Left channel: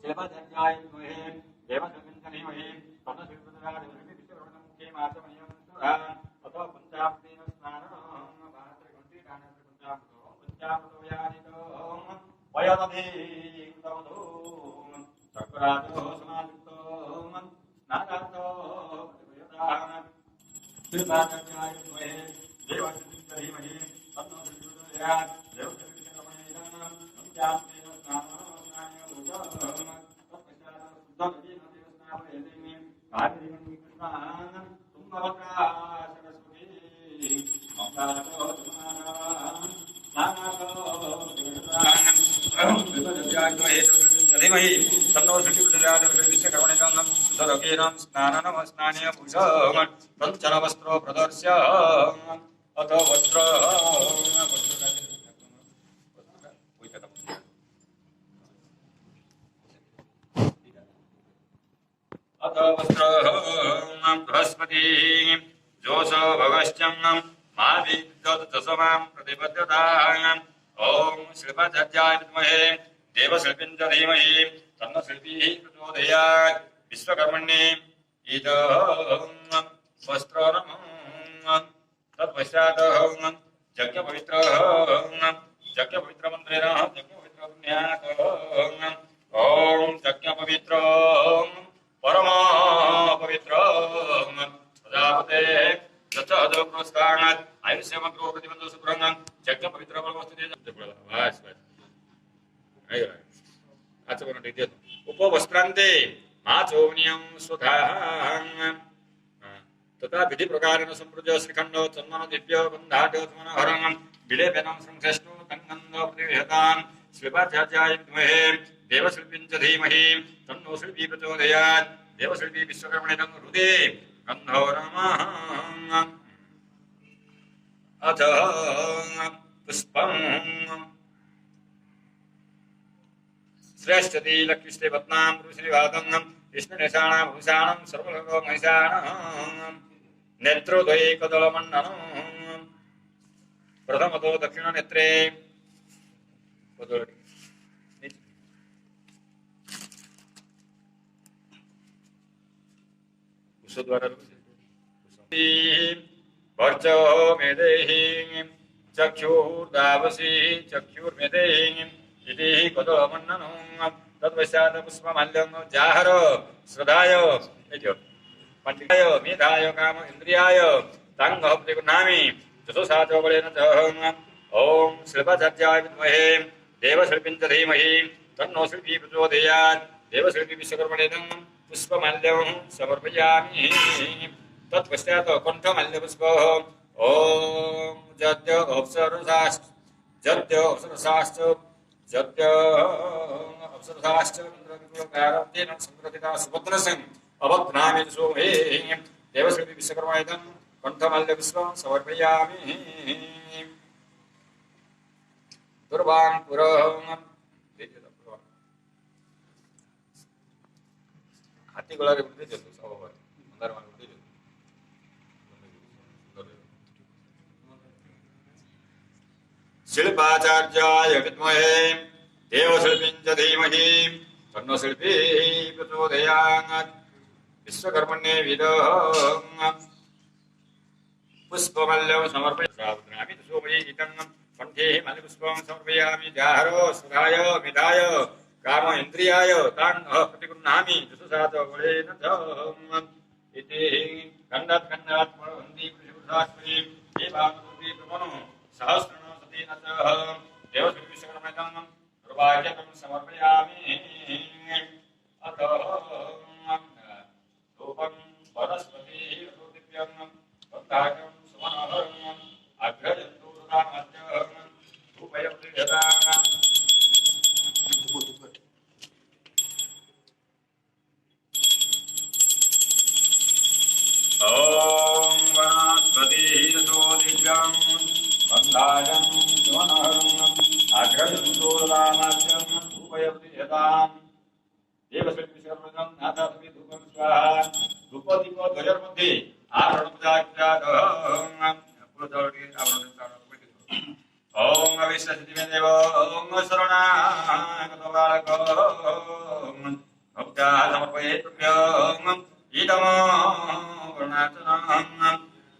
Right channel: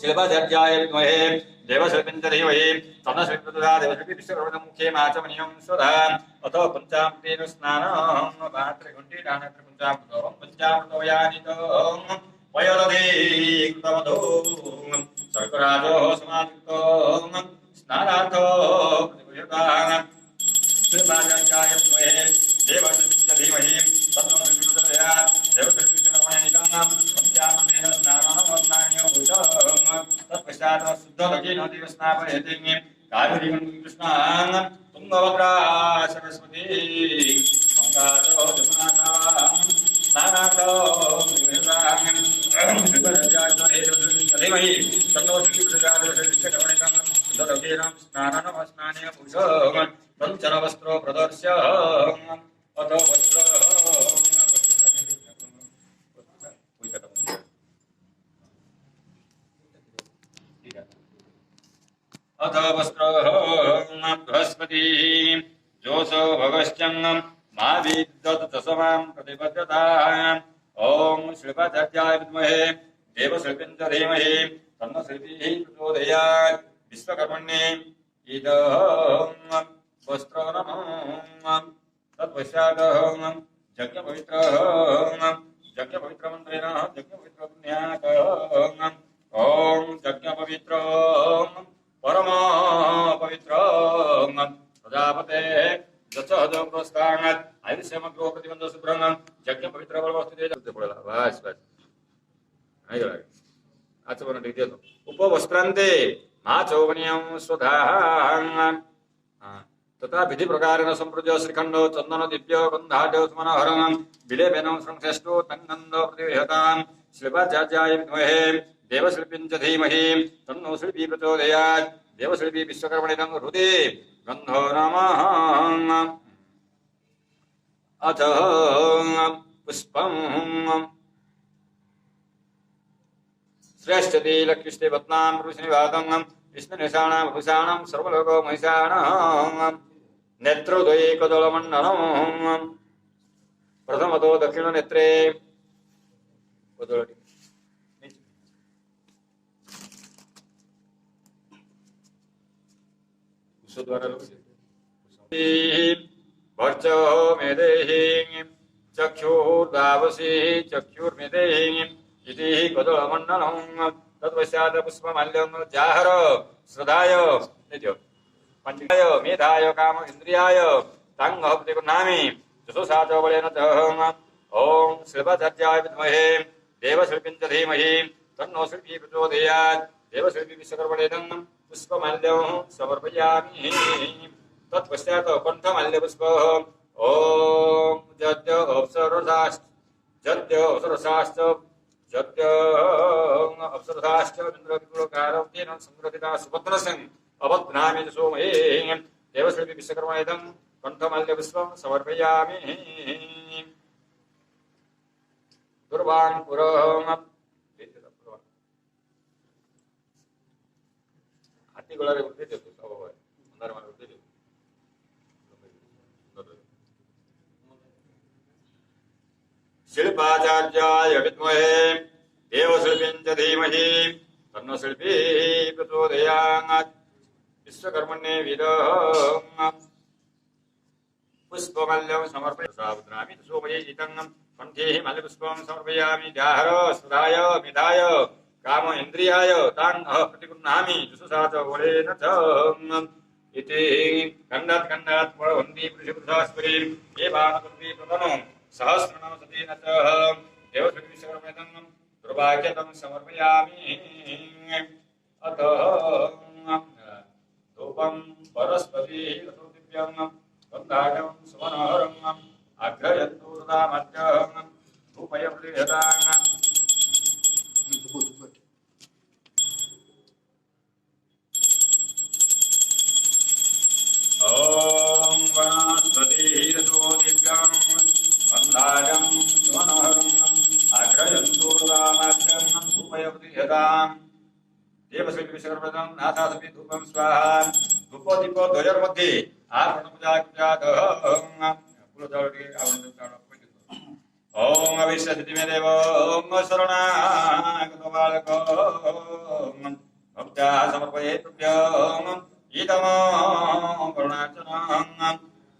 शिल्पाचार्याय विद्महे देवशिल्पिञ्च धीमहि तन्नः शिल्पः प्रचोदयात् देवशिल्पी विश्वकर्मणः मुखे माचमनीयं स्वधा अतो पञ्चामृतेन स्नानं पात्रे घण्टे नानत्र पञ्चामृतो वयदधे कृतमधो सर्कराजो समायुक्तो स्नानार्थो प्रतिगृह्यताम् शिल्पाचार्याय विद्महे देवशिल्पिञ्च धीमहि तन्नः शिल्पः प्रचोदयात् देवशिल्पी विश्वकर्मणः पञ्चामृतेन स्नानं तत्पश्चात् शुद्धलोकेन देवस्नापयति कावेरीं कृष्णां तुङ्गभद्रा सरस्वती गङ्गाचो जमुनां स्नानार्थो धीमहि तन्नो शुचिप्रजातिर्विश्वकर्मणिकं शुद्धलोकेन स्नाननमस्नानीय पुरुषः तच्चरवस्त्रो प्रदर्श्य अथ वस्त्र अथ वस्त्रं बृहस्पति जोषो भगश्चं मा विद्युत्समां प्रतिपद्यताम् ॐ शिल्पाचार्याय विद्महे देवशिल्पिञ्च धीमहि तन्नः शिल्पीः प्रचोदयात् विश्वकर्मण्ये इदं वस्त्रनमः तत्पश्चात् यज्ञपवित्रमन्त्रेण यज्ञपवित्रपुण्यात् ॐ यज्ञपवित्र परम पवित्र प्रजापते दशहजोक्रोस्तानात् आयुष्यमग्रो प्रतिबंधो सुब्रह्म यज्ञ पवित्र बलवस्थिते जल्दी पड़ेगा बस आई गया आचमन रीति तो उपवस्त्रांते माचोवनियं स्वधाः तथा विधि प्रकारेण संप्रजो श्रीखंडो चंदन दिव्यो गंधाढ्यो स्मनहरणं विलेपेन संश्रेष्ठो तंगंधो प्रतिहतान् शिल्पाचार्याय विद्महे देवशिल्पिञ्च धीमहि तन्नो शिल्पी प्रचोदयात् देवशिल्पी विश्वकर्मणिनं हृदे गन्धो नमः अथ पुष्पं श्रेष्ठति लक्ष्मीष्टे पत्नां ऋषिनिवातं विष्णुनिशाणां भूषाणं सर्वलोको महिषाणां नेत्रोदये कदलमण्डनं प्रथमतो दक्षिणनेत्रे वर्चो मेदेहि चक्षुर्दावसी चक्षुर्मेदेहि इति कदलमण्डनं तत्पश्चात् पुष्पमाल्यं जाहर श्रद्धाय पंडिताय मेधाय काम इंद्रियाय तांगः प्रतिगृह्णामि चतुषा च बलेन च ॐ शिल्पाचार्याय विद्महे देवशिल्पिञ्च धीमहि तन्नो शिल्पी प्रचोदयात् देवशिल्पी विश्वकर्मणिनं पुष्पमाल्यं समर्पयामि तत्पश्चात् कण्ठमाल्यपुष्पः ॐ जद्य अप्सरसाश्च इन्द्रविपुलकारं तेन संकृतिता सुभद्रसिंह अभद्नामि सोमे देवशिल्पी विश्वकर्मणिनं कण्ठमाल्यपुष्पं समर्पयामि दुर्वाङ्कुरं हाथी गोलारे उठते देतो सबबार मंदार मार उठते देतो शिल्पाचार्याय विद्महे देवशिल्पिञ्च धीमहि तन्नो शिल्पी प्रचोदयात् विश्वकर्मण्ये विदं पुष्पमल्यं समर्पयामि सुवैतं कंठे मल्लपुष्पं समर्पयामि जाहरो सुधाय मिधाय काम इंद्रियाय तां प्रतिगृह्णामि जुषुसाच वलेन च इति खण्डात् वन्दी पुरुषपुरुषास्परि देवानुकृति प्रपन्नं सहस्रनाम सतेन च देवश्रीविश्वकर्मणं दुर्भाग्यतं समर्पयामि अतः धूपं परस्पतिः दिव्यं बन्धाजं सुमनोहरम् अग्रयन्तु रामज्ञं धूपयप्रियदानं ॐ वनस्पतिरतो दिव्यं बन्धाजं सुमनोहरम् अग्रयन्तु रामज्ञं धूपयप्रियदाम् देवश्री विश्वकर्मणं नाथादपि धूपं स्वाहा धूपदीप द्वयोर्मध्ये ओम अविश्वसिद्धिमेदेव ओम शरणागतो बालको भक्त्या समर्पयेत् तुभ्यं इदं करुणार्चनं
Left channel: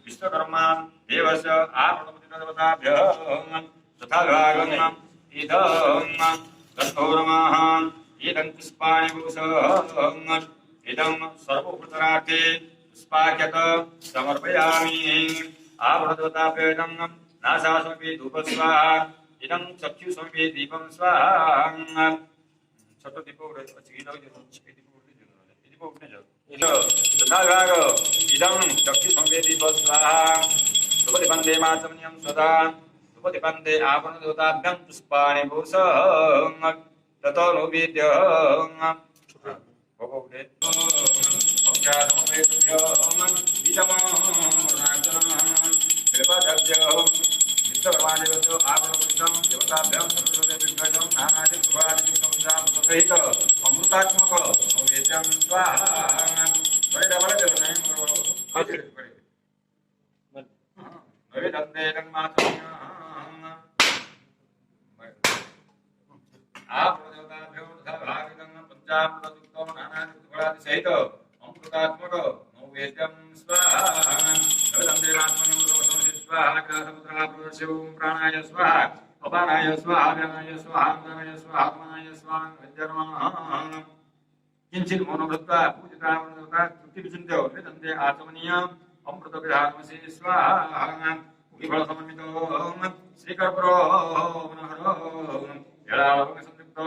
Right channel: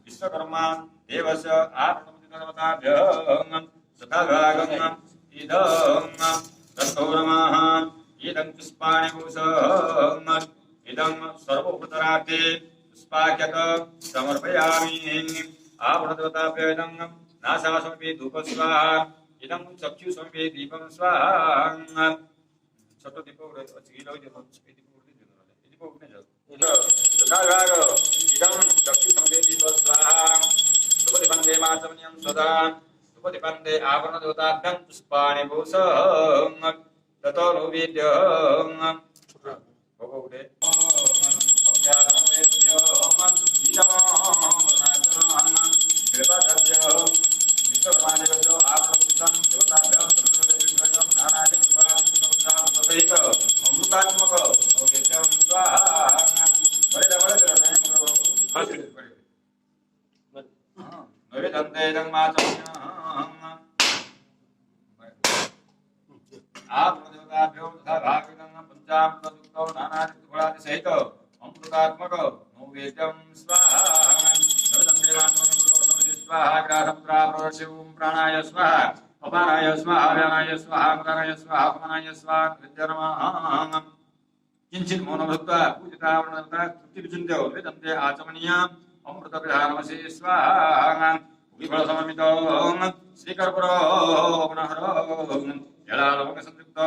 विश्वकर्मा देवस्य आपणपतिदेवताभ्यं तथाभागम् इदं तत्पौरमः इदं पुष्पाणि भूषम् इदं सर्वभूतरार्थे पुष्पाख्यत समर्पयामि आवरणदेवताभ्यं नासासमपि धूपस्वाहा इदं चक्षुषमपि दीपं स्वाहा छोट दीप इदं चक्षुषमपि दीप स्वाहा सुपतिपन्ते माचमनीयं सदा सुपतिपन्ते आवरणदेवताभ्यं पुष्पाणि भूषम् ततो नो वेद्यं भगवते अमृतात्मक सहित अमृतात्मक नैवेद्यं स्वाहा प्राणाय स्वाहा अपानाय स्वाहा व्यानाय स्वाहा मदानाय स्वाहा अपमानाय स्वाहा नमः किंचित मौन भक्त्वा पूजिता तृप्ति विचिन्त्य वेदन्ते आचमनीय अमृत विधानमसि स्वाहा विफल सममितो श्रीकर्पूरो पुनहरो जलालोक संयुक्त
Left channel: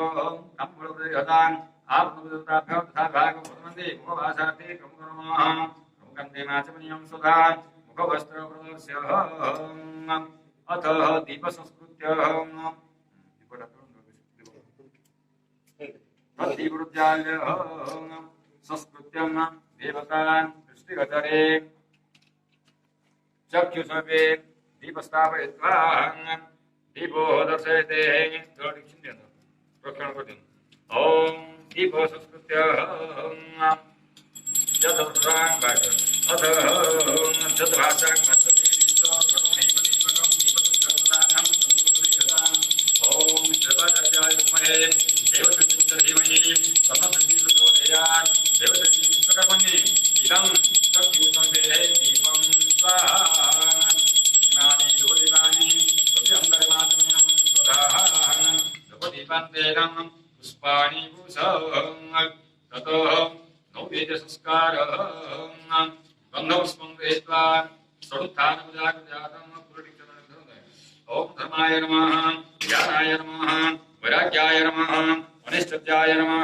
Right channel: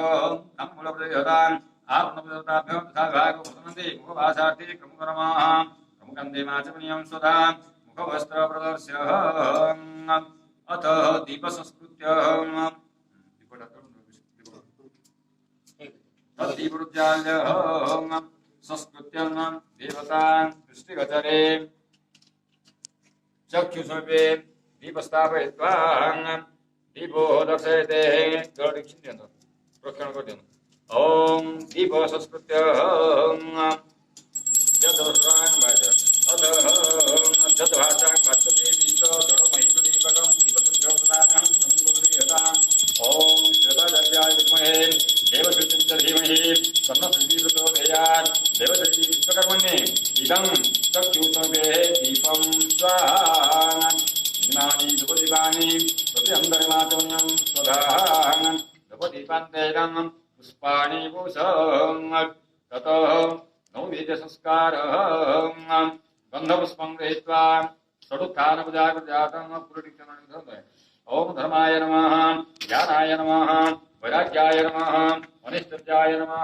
तम्बूल प्रदेहतान् आत्मदेवताभ्यः तथा भागवतमन्ते मुखवासार्थे क्रमकर्मः क्रमकन्दे माचमनीयं स्वधा मुखवस्त्र प्रदर्श्य अथ दीप संस्कृत्य दीपरुज्जाल्य संस्कृत्यं देवतान् दृष्टिगोचरे चक्षुषर्वे दीपस्थापयित्वा दीपो दर्शयते प्रक्षण कर ओम दीप संस्कृत्य जतभाषां ओम श्रवदर्याय विद्महे देवदत्ताय धीमहि तन्नो प्रचोदयात् देवदत्ति विश्वकर्मण्ये इदं चक्षुषे दीपं स्वाहा नानि धूपदीपानि प्रत्यन्तर्मातमं स्वधाः धूपदीपान्तेदं पुष्पाणि भूषम् ततो नैवेद्य संस्कारः गन्धपुष्पं गृहीत्वा षडुत्थानपूजाकृजातं पुरुषिक्षणं ओम धर्माय नमः ज्ञानाय नमः वैराग्याय नमः अनिष्टज्याय नमः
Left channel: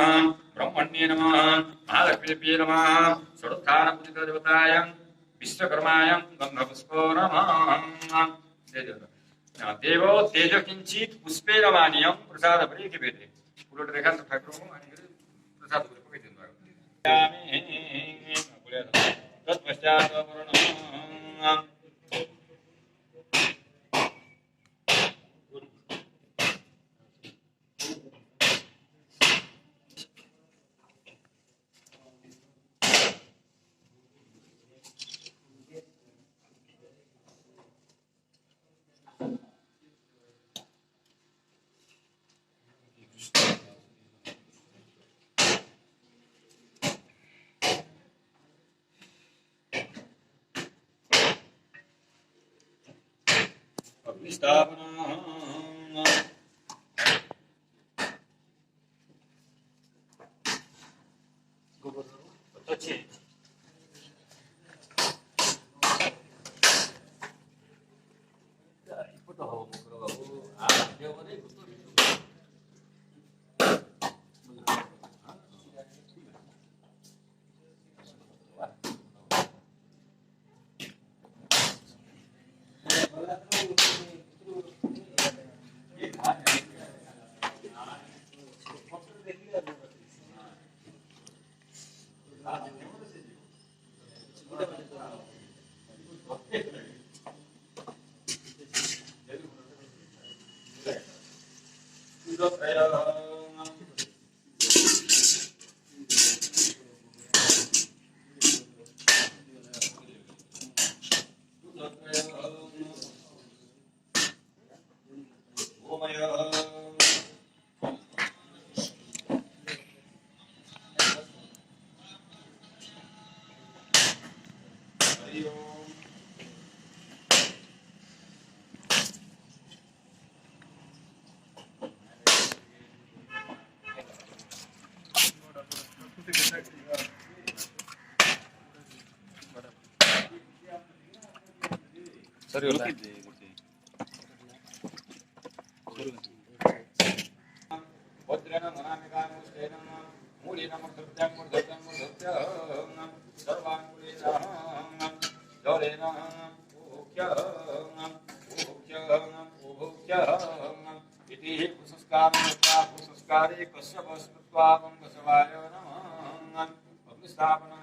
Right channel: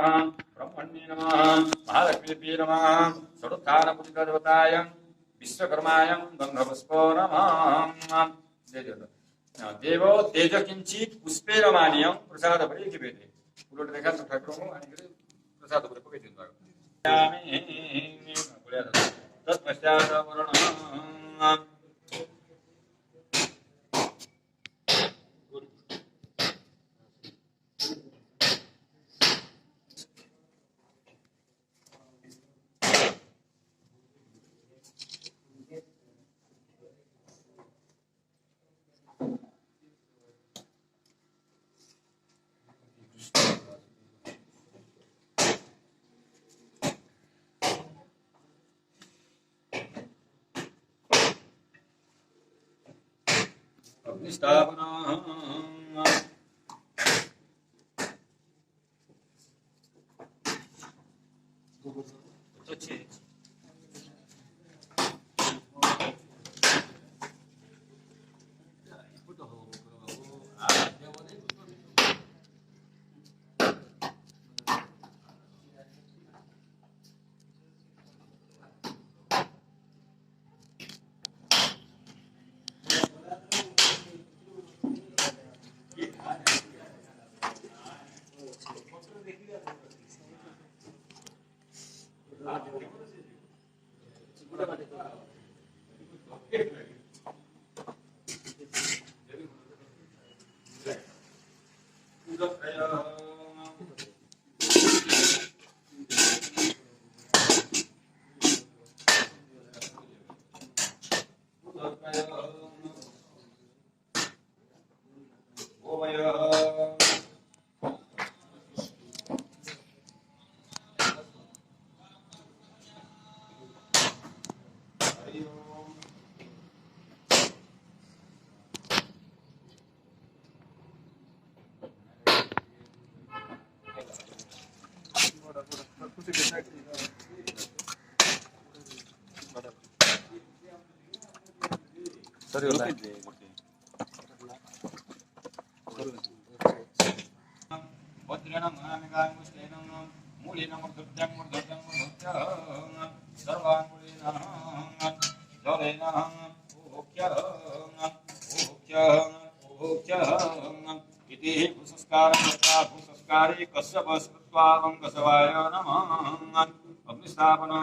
ब्रह्मण्ये नमः महालक्ष्मीदेव्यै नमः षडुत्थानपूजितदेवताय विश्वकर्माय गन्धपुष्पो नमः देवो तेज किंचित पुष्पे रमानीयं प्रसाद परिकिपेते उलट रेखा ठाकुर प्रसाद परिकिपेते तत्पश्चात् वरुणः ಸರಿ ಇಲ್ಲ ವಜ್ರೇಣ ಮುನಾಮಿಕಾಂಗುಷ್ಟೇನ ಮೂಲಿನ ಮುರ್ಧತ್ಯಂ ಮುರ್ಧತ್ಯಂ ಮುರ್ಧತ್ಯ ಸರ್ವಾಂಗುಲಿನ ಜಲೇನ ಉಭೋಕ್ಯ ಉಭೋಕ್ಯ ಉಭೋಕ್ಯ इति भूसंस्कारं कृत्वा भूसंस्कारे कश्यप स्मृत्वा वंगसवाय नमः अग्निस्थापना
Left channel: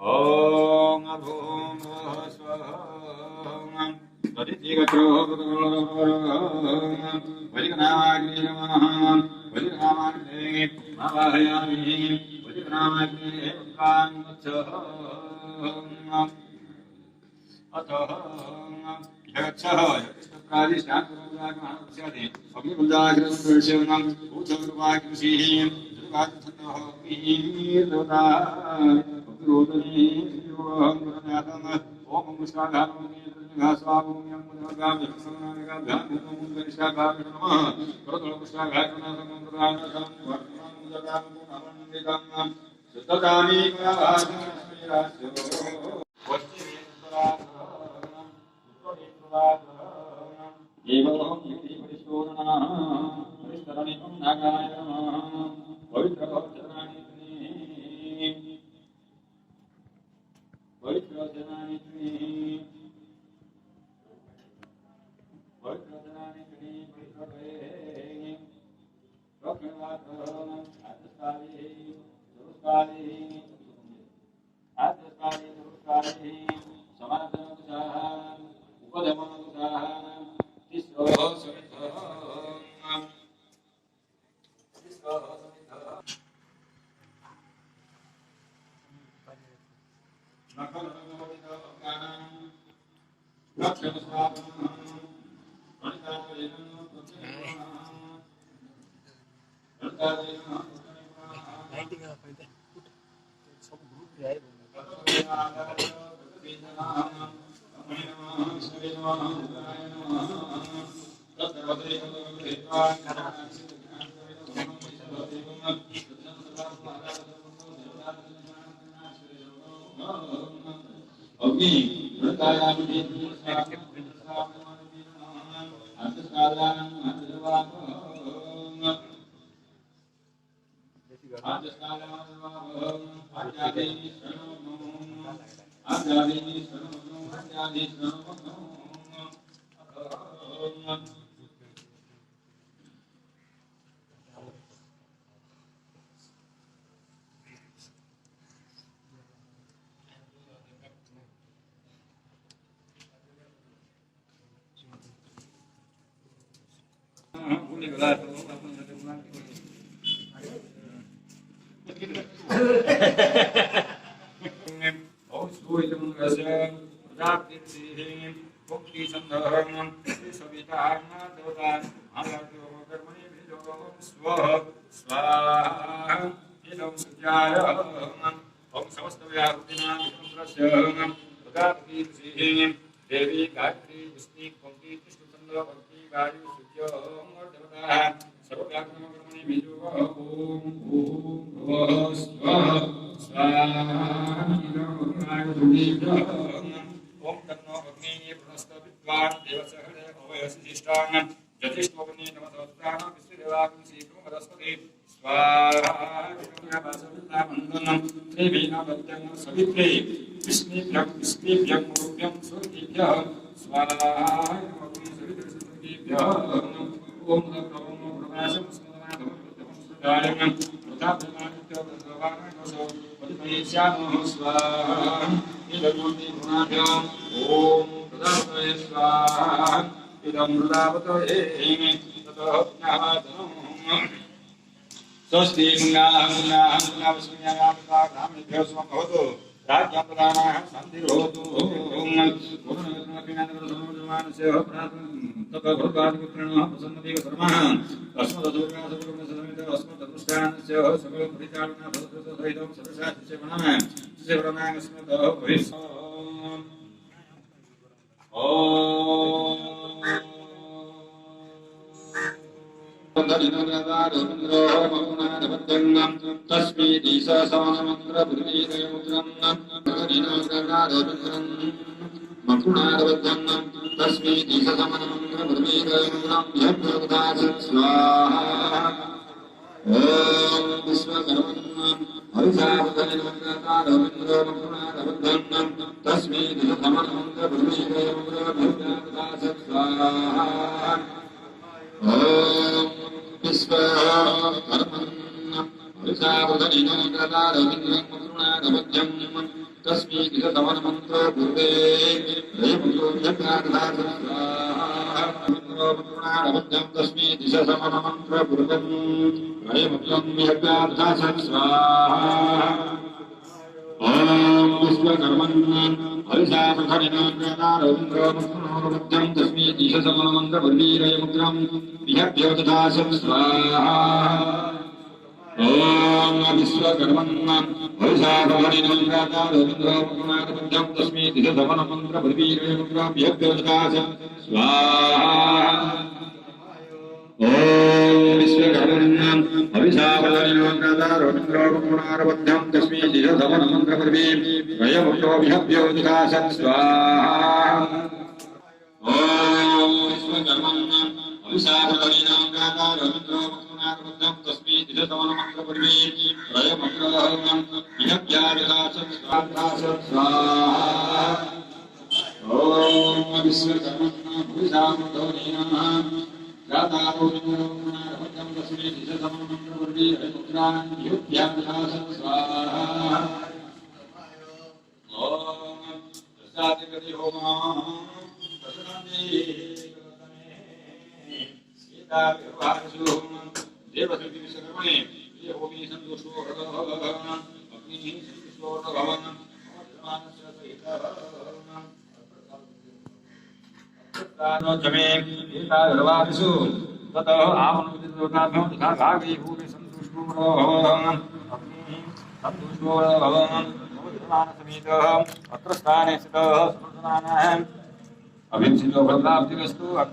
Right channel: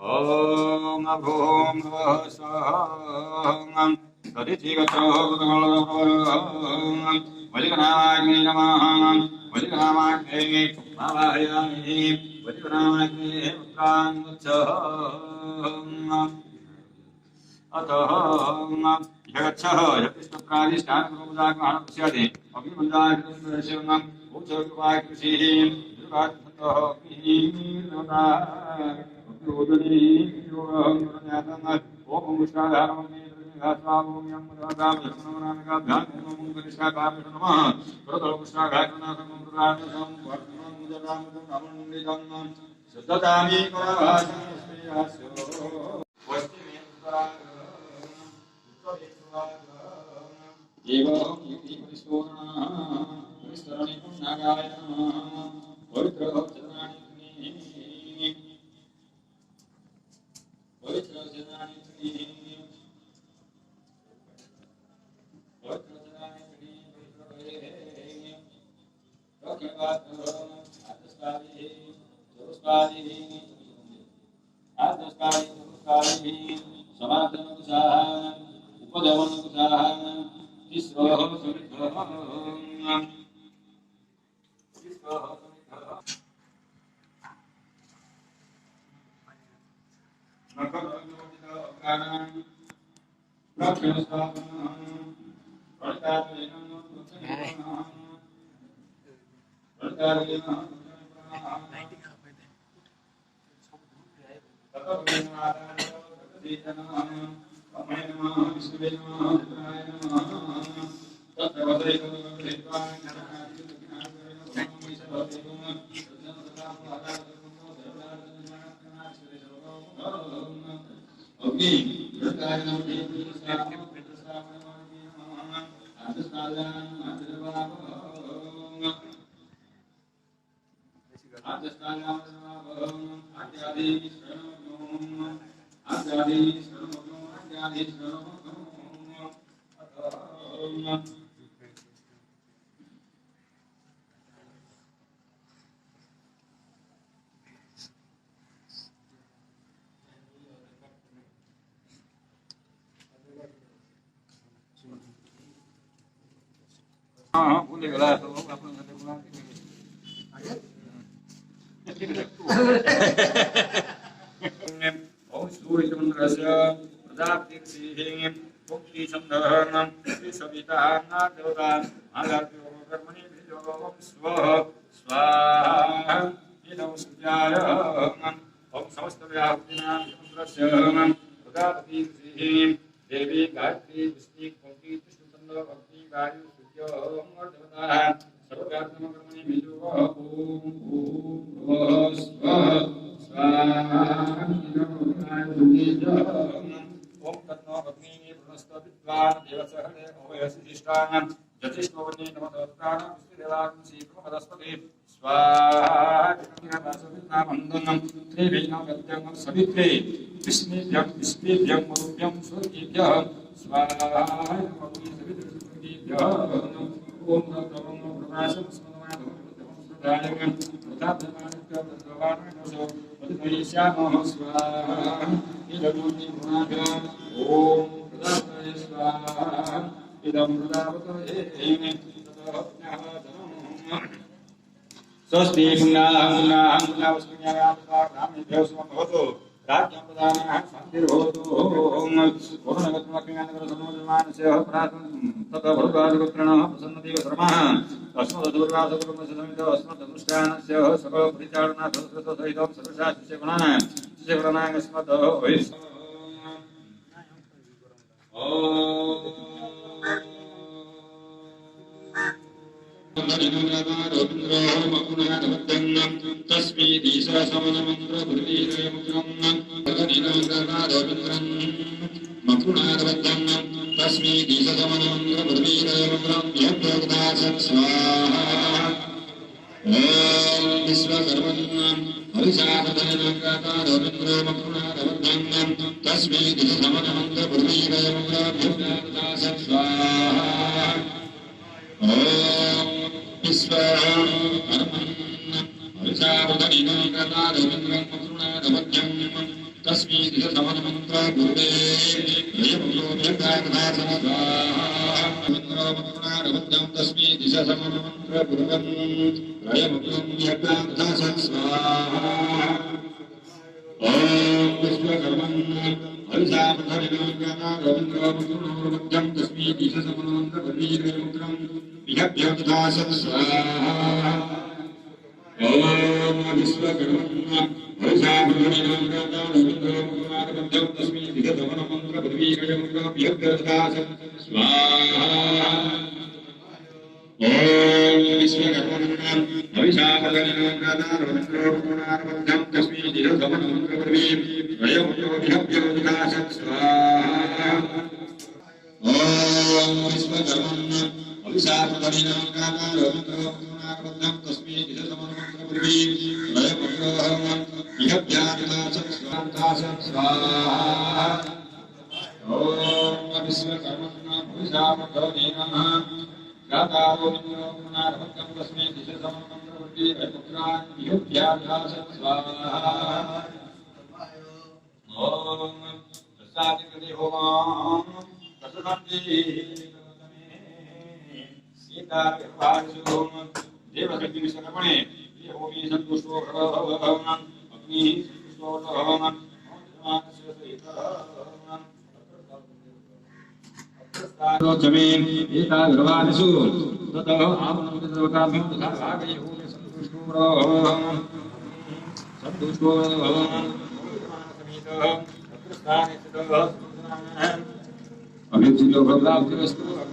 ओम अभूम स्वं तदितिगत्रो वलिकनामाग्नि नमः वलिकनामाग्नि आवाहयामि वलिकनामाग्नि पुत्रान् गच्छ अतः जगच्छः यत्पुत्रादिष्टानपुरुषाग्रहणस्यादि अग्निबन्धाग्रहणस्यं भूतकृपाकृषिः दुर्गाच्छन्दः अग्निर्देवता अग्निरोदने योगं गुरुज्ञातम् ओम मुष्टाधारमग्निर्निघा स्वाभूम्यं मुद्राभ्यां कनिष्ठाभ्यां नमः प्रतलमुष्टाघातनाथं प्रदानसं वर्तनं मुददामन्दं शुद्धतानि कुलवासं श्रीरास्यो एवं युक्तिपरिस्तोरणः परिस्तरणिकं नागाय नमः पवित्रजनानि पवित्रजनानि हाँ भूले गला तो अपन प्रजापतिर्षिः भुक्ति संदहनं सविता देवता आलार्यो कर्मणि विजयो स्वः स्वाहा इदं सूर्याय ओम समस्तव्याहुतिनां विष्णुस्य प्रजापतिर्षिः देवी गायत्री पुष्टि पंक्ति कृष्णचंद्र भक्ति वायु सूर्य देवता सर्वव्यापकं कर्मणि विजयो ओम भुवः स्वः स्वाहा इदं सूर्याय ओम तन्नो अग्नि प्रणस्त विद्वान् देवसहने अवयसिष्टान् ज्योतिष्ठोवने नमस्तान् विष्णुदेवाग्नि शीघ्रमदस्पति स्वाहा विष्णुयावासविद्नामन्दनं त्रिवीणादत्यं सवित्रे विष्णुभ्यं मरुभ्यं सुरभ्यः स्वाहा अग्नि सवितृसुभ्यः ओम तत्त्वं प्रकाशं स्मरणं सुदायं प्रतापमानित्य भगवान् पतिश्यामो स्वाहा इदमूर्ति गुणाभ्याम् ओम प्रदापये स्वाहा इदं प्रदापतये ततः ज्ञातम् स्वस्ति पुण्याहं भवतु राज्ञां प्रदानः शान्तिर्भवतु पूर्णगतमखिलान्तरसर्वधर्मानस्य ततः भरद्वाजपुत्रणः प्रसन्नदेव शर्मः अस्मदुर्वासकुटुम्बसमेत अस्मदनुष्ठानस्य सर्वपरिचालनासहितं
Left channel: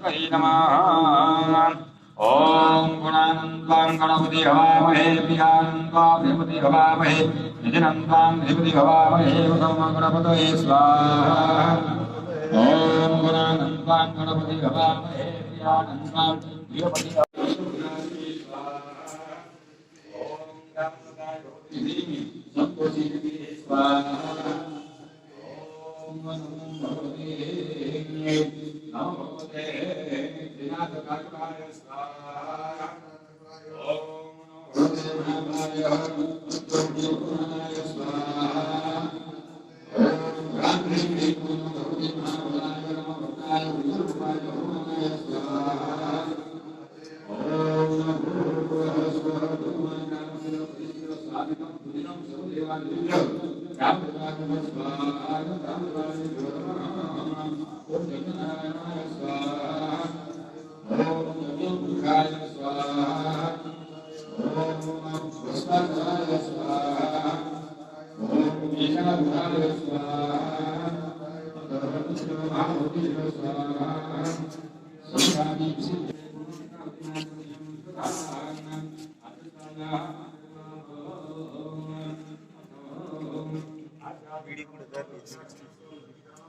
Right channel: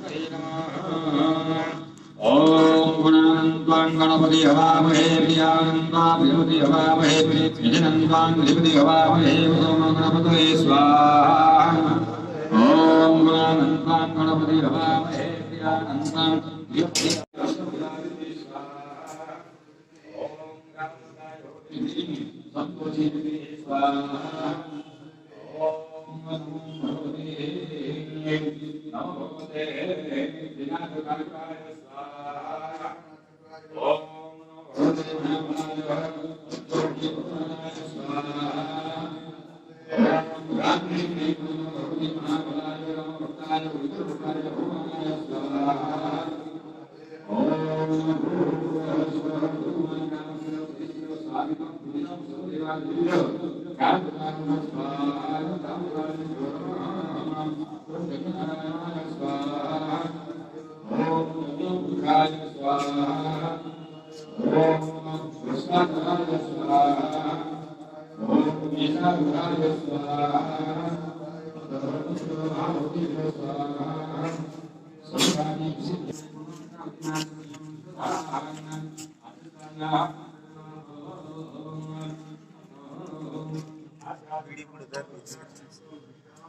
सर्वशास्त्रिशगणानां ओम गुणानंद्वां गणपति हवामहे प्रियानंद्वां विभूति हवामहे निधिनंद्वां विभूति हवामहे वसम गणपतये स्वाहा ओम गुणानंद्वां गणपति हवामहे प्रियानंद्वां विभूति स्वाहा ओम गणपताय संतोषी स्वाहा ओम भगवते नमो भगवते विनाशकारकाय स्वाहा ओम नमो भगवते स्वाहा ओम गायत्री भगवती महाभद्राय स्वाहा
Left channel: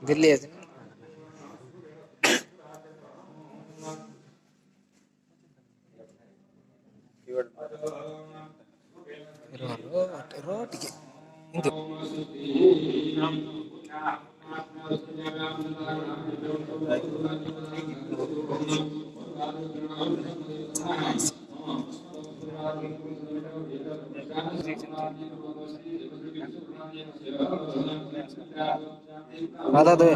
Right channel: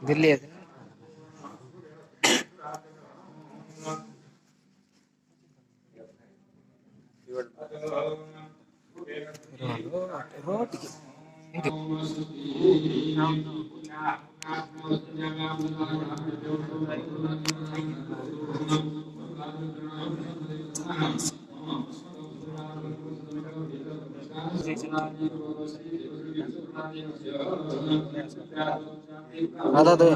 दिल्ली रोटिಗೆ ಇದು ಅದೇ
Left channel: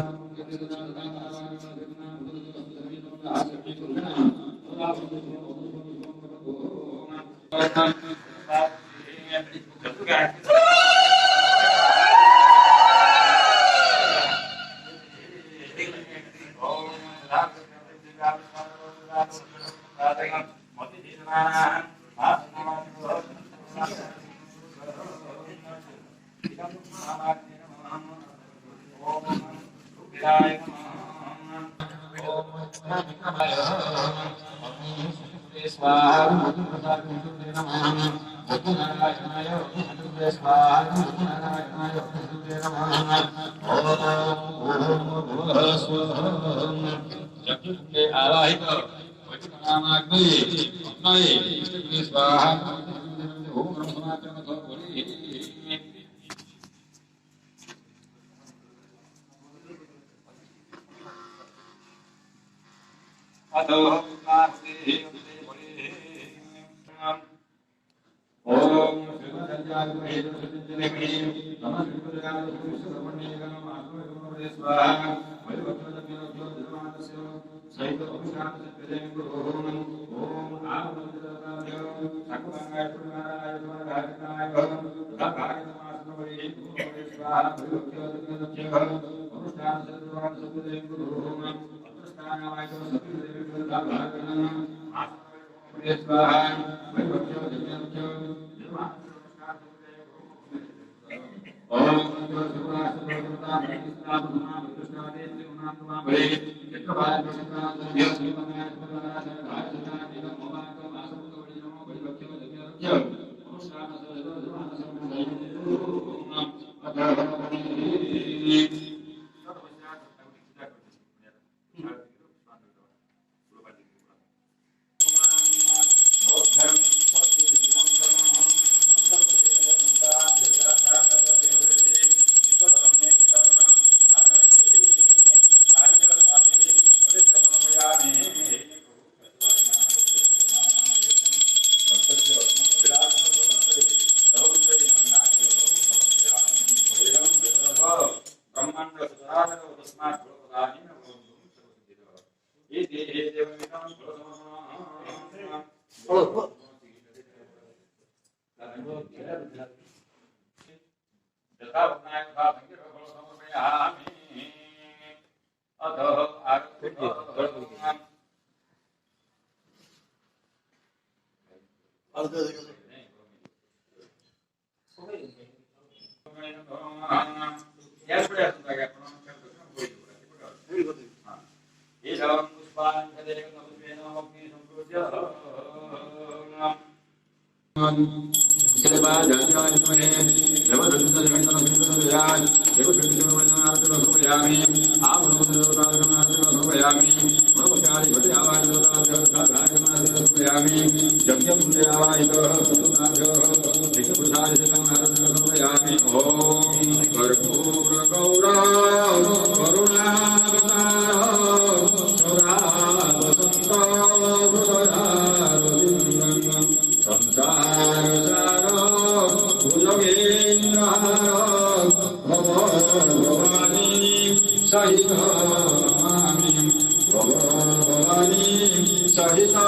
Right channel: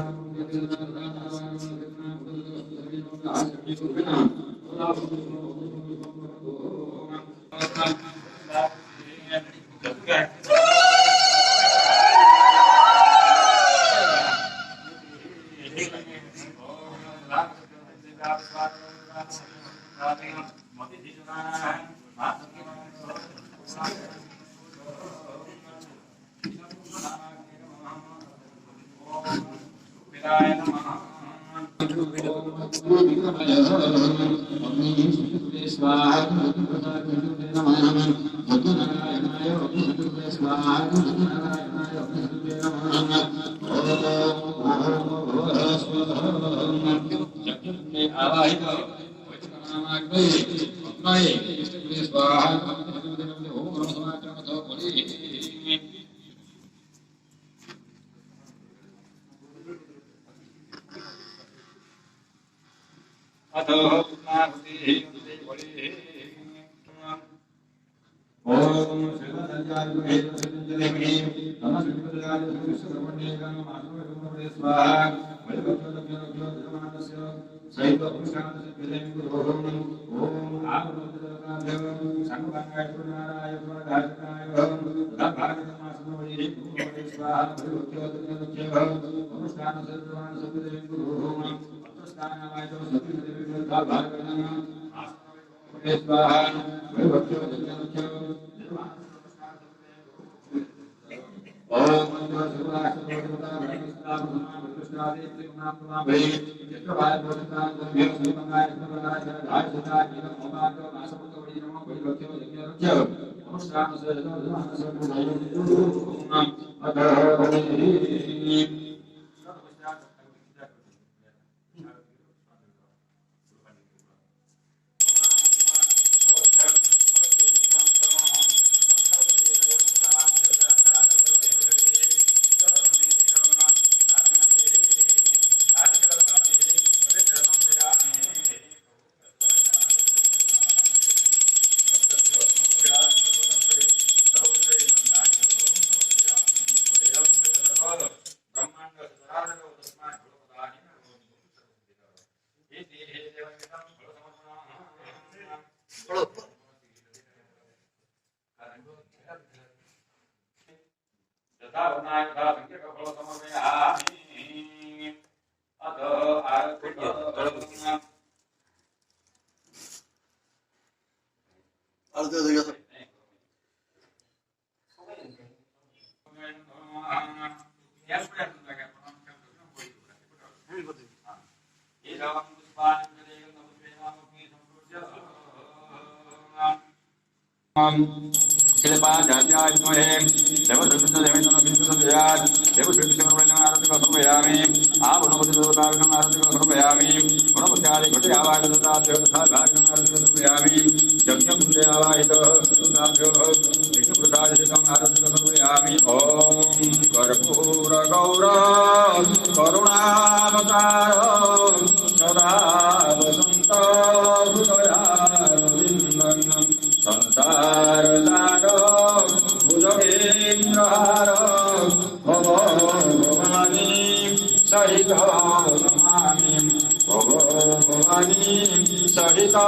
सहिता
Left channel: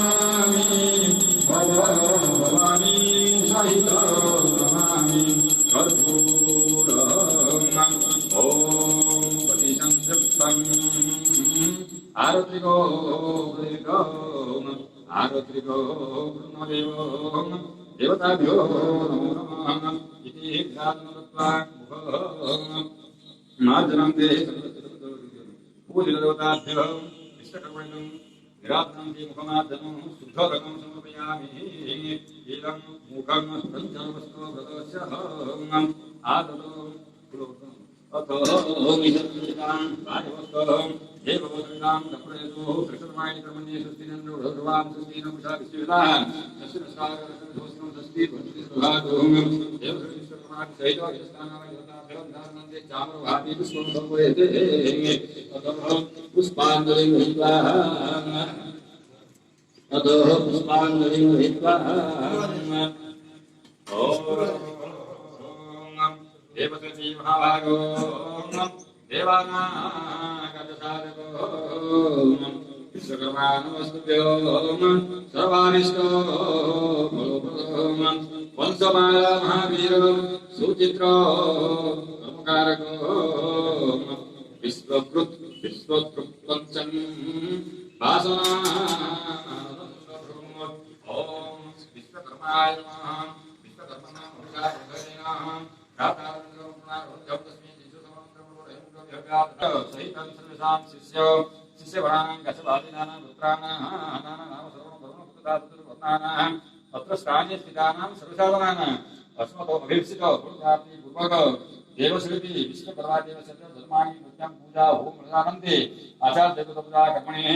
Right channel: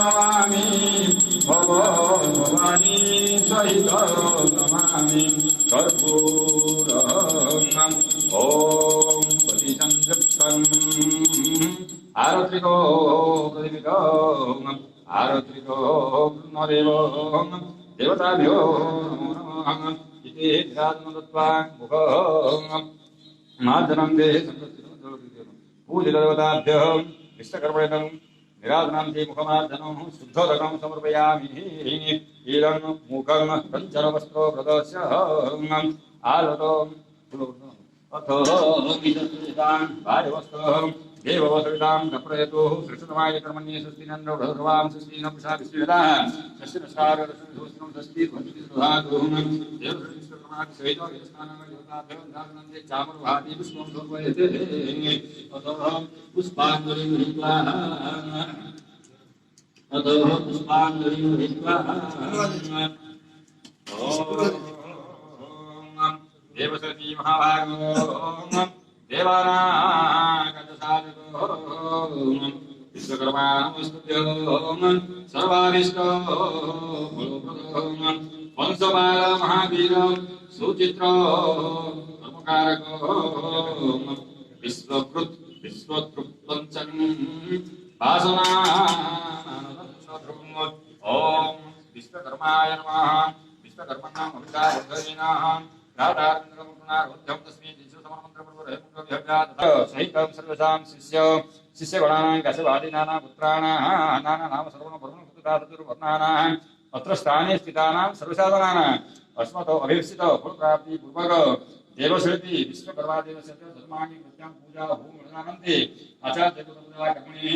नमामि सार्वत्रिको ब्रह्मदेवो देवताभ्यो नमः इति विराजनदत्वा मुखं मार्दनं ते पूजितदेवताभ्यः विश्वकर्मणं विराजनं ते मुखमार्दनं शुद्धोदकं समर्पयामि ईदं मुखं कञ्चनवस्तो प्रदर्श्य आलतो अथो विशेषान् कार्यवस्तुं देववसवितां कप्रयतु कृष्णमाय कर्मण्ये सुस्तिनन्दो भगवान् सुस्तिनं प्रसादिष्येदा तस्य नमस्कारं षष्ठी भक्ति सुधातु देवविश्वकर्माणि सहितो यस्थानाय योगाभ्यो ध्यानन्दे चामरभाति विश्वं भगवते अतो पुष्पाञ्जलिं हित्वा देवसती महाभागो देवानागतसाधको विश्वकर्माणमस्तुभ्यो सर्वाभीष्टो फलप्रदो वंशपाल महावीर सुचित्रो कर्मकारको विश्वकृत् विश्वकृत्पञ्चम् वासना ओम विश्वकर्माय नमः विश्वकर्मणाम् अभिधायः सहितं सर्वसां शिष्यगणानां कशवादीनानां पुत्राणां नाम सर्ववर्णपुत्राणां अत्र स्थाने स्थितानां सर्वसाधनानाम् अस्मतो अभीप्सितो फलप्राप्ति पूर्वक देवशिल्पी विश्वकर्मादेवस्य धर्माणि नित्यां पूजा होमनन्ते आचार्य पूजा कर्मणि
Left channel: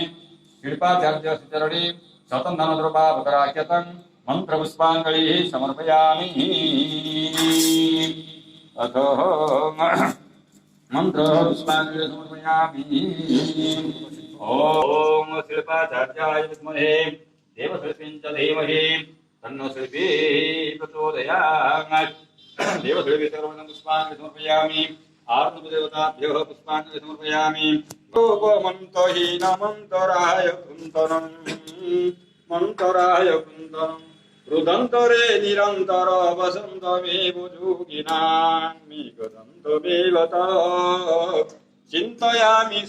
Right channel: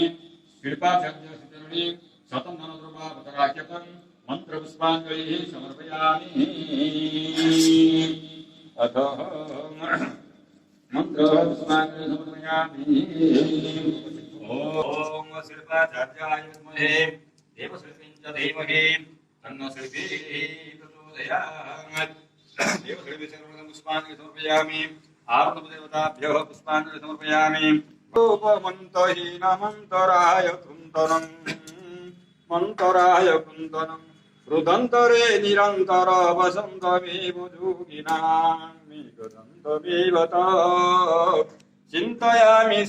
शिल्पाचार्य सुचरणी स्वतन्त्रद्रव्यापकराख्यतं मंत्रपुष्पाञ्जलिः समर्पयामि अथ मंत्रपुष्पाञ्जलिः समर्पयामि ॐ शिल्पाचार्याय विद्महे देवशिल्पीं च धीमहि तन्नो शिल्पी प्रचोदयात् देवशिल्पी सर्वं पुष्पाञ्जलिः समर्पयामि आवरणदेवताभ्यो पुष्पाञ्जलिः समर्पयामि गोपमन्तहीनमन्तराय कुन्तनं मन्तराय कुन्तनं रुदन्तरे निरन्तर वसन्तमेव जोगिनामि गदन्तमेव चिन्तयामि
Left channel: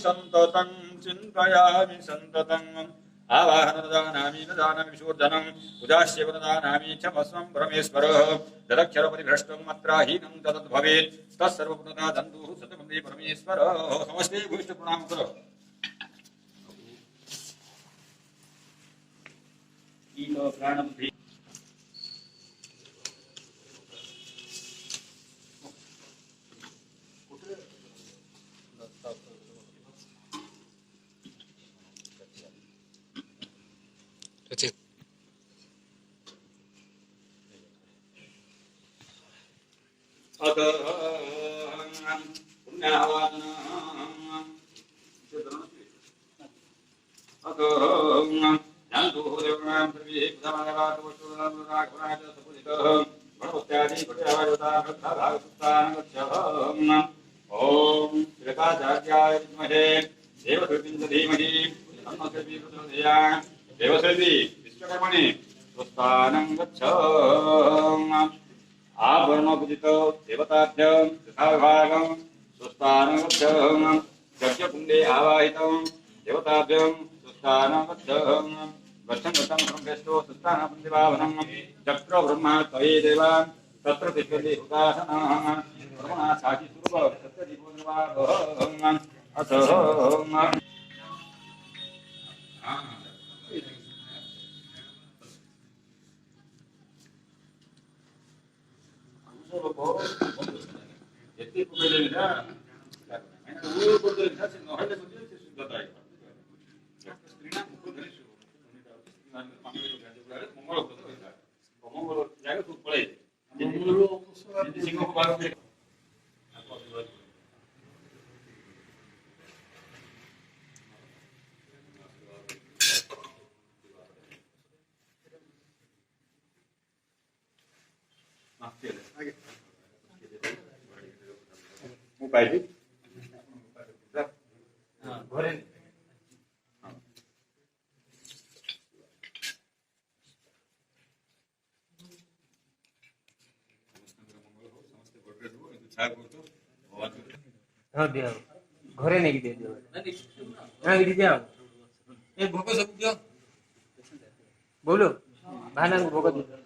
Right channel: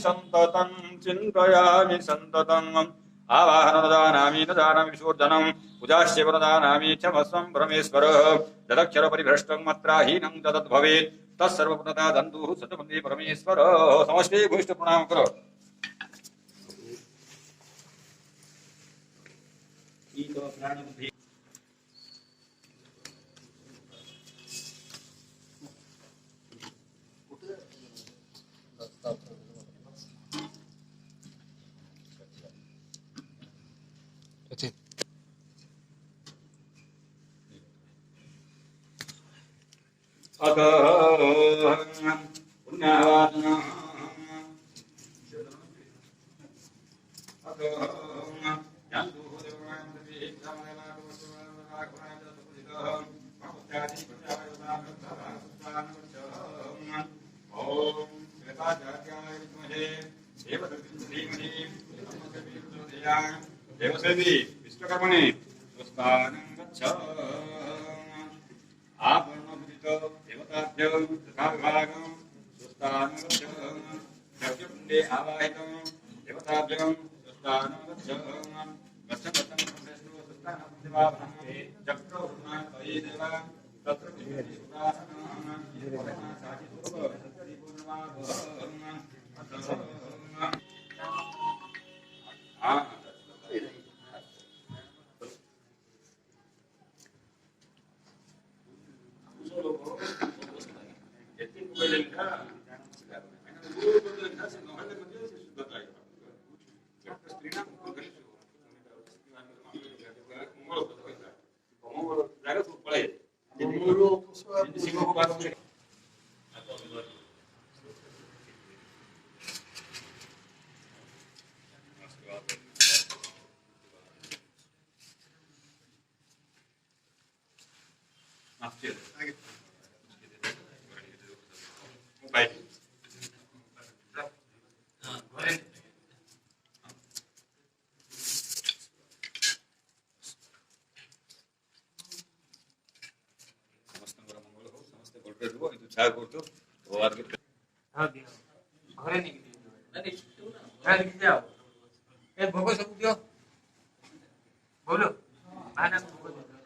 सन्ततम् आवाहनदानामि न जानामि विसर्जनं पूजास्य वरदानामि क्षमस्वं परमेश्वर यदक्षर परिभ्रष्टं मात्राहीनं तद्भवेत् तत्सर्वपुनता दन्तुः सतमन्त्री परमेश्वर समस्ते भूष्ट प्रणाम करो ईतो प्राणबुद्धि ओम श्रीपादाचार्याय विद्महे देवशिल्पीं च धीमहि तन्नो शिल्पी प्रचोदयात् देवशिल्पी विश्वकर्मणे स्वस्तानं गच्छ आभरणपूजितो देवताभ्यं तथाभागं स्वस्तानं गच्छ यज्ञकुण्डे आवाहितं देवताभ्यं स्वस्तानं गच्छ गच्छन् ब्रह्मेष्ठो स्वस्तानं प्रतिभावनं चक्र ब्रह्मा त्वयि देवा तत्र तिष्ठति हुतासनः ब्रह्मणा साक्षी स्वरूप सत्यजीवो निर्वाहः अथ ಎತ್ತಿ ಕುಬೇಲಿಂದ ಊರು ಬಂದಿಲ್ಲ ನೋಹಳೆ ಬಂದಿಲ್ಲ ಶುದ್ಧತಾ ಆಯ್ತು ಸ್ತ್ರೀನ ಮುಖದಲ್ಲಿ ಮಂಗಳ ಹೋಯ್ತಾ ಮಂಗಳ ಜಾಗ ಸುಪ್ಪಳೆ ಸಿಂಗು ಭಾಗ Baik. Boleh. समस्त मंगल हो समस्त गोल्ड हो इंतु छाया करतो भगवान के हां दिया घरे नहीं दे दियो नहीं दे दिया ए भोग सब दियो बोलो भाईना को भोग दे